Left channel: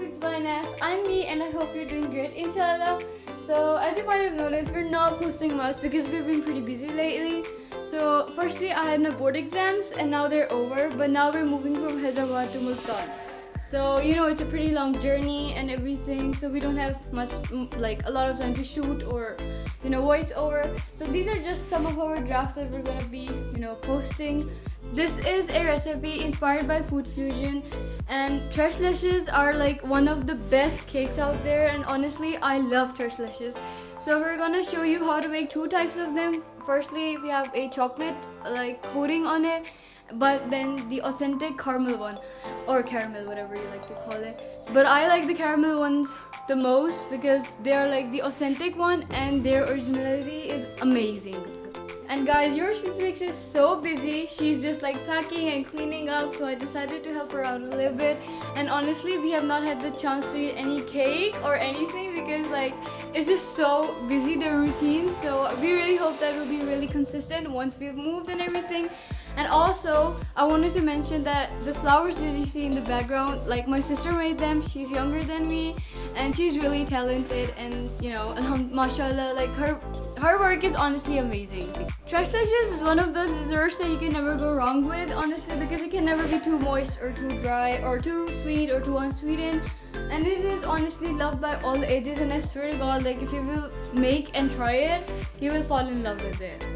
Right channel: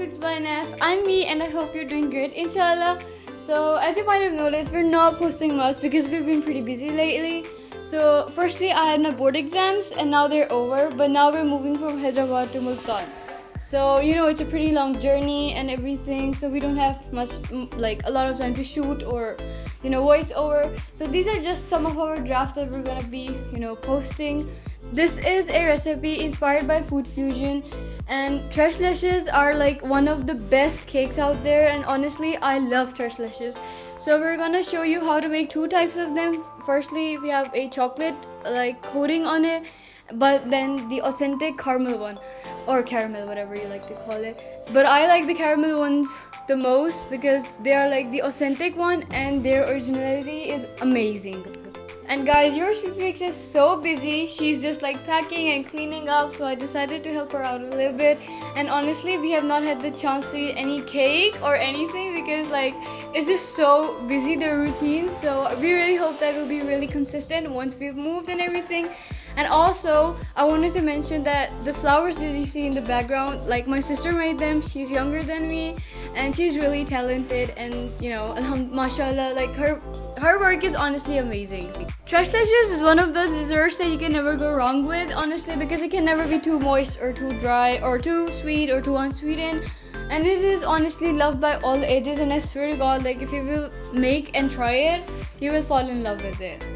Fixed by Naf. I'm me and I hope you're doing great, inshallah. So as you might have noticed, we're not posting much because we've been pretty busy lately. So firstly, I had my board exams and now they're over, but now we're moving from Hyderabad to Multan. So it's a pretty long journey and everything, so we don't have much like a lot of time to shoot or voice over. So these are just some of our drafts that we're gonna be posting. This is a recipe inspired by food fusion, and Tres Leches are like one of the best cakes out there, and honestly I love Tres Leches. So we're gonna show you how to make two types of them. Firstly, we have a chocolate like coating on it, but then the authentic caramel one, or caramel, whatever you like to call it. But I like the caramel ones the most because they are like the authentic one and their originality is amazing. And guys, your Fix is so busy. She's just like packing and cleaning up, so I decided to help her out a little bit. And honestly, we have not had the chance to eat any cake or anything because like it's just so busy, the routine. So we really hope that will be really consistent once we've moved and everything. And also, I wanted to mention that the flowers that you see in the background, like my sister made them. She's younger than me and she's really talented, and mashallah, like her work is honestly amazing. Tres Leches is one of those desserts that you can never go wrong with, honestly, because it can never be too moist or too dry or too sweet or too unsweetened. And it is honestly loved by all ages, and I swear to God, like if you will make and try it, you will fall in love with it.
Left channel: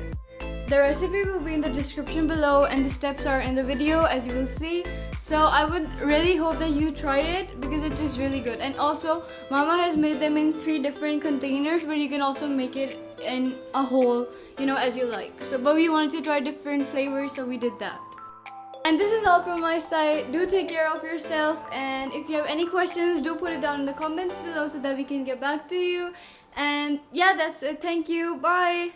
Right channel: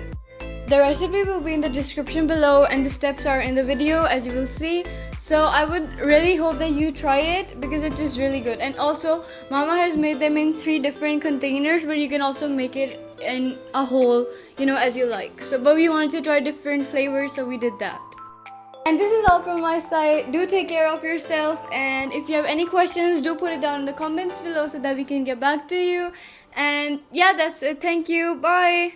The recipe will be in the description below and the steps are in the video, as you will see. So I would really hope that you try it because it is really good. And also, Mama has made them in 3 different containers, but you can also make it in a whole, as you like. So, but we wanted to try different flavors, so we did that. And this is all from my side. Do take care of yourself, and if you have any questions, do put it down in the comments below so that we can get back to you. And yeah, that's it. Thank you. Bye.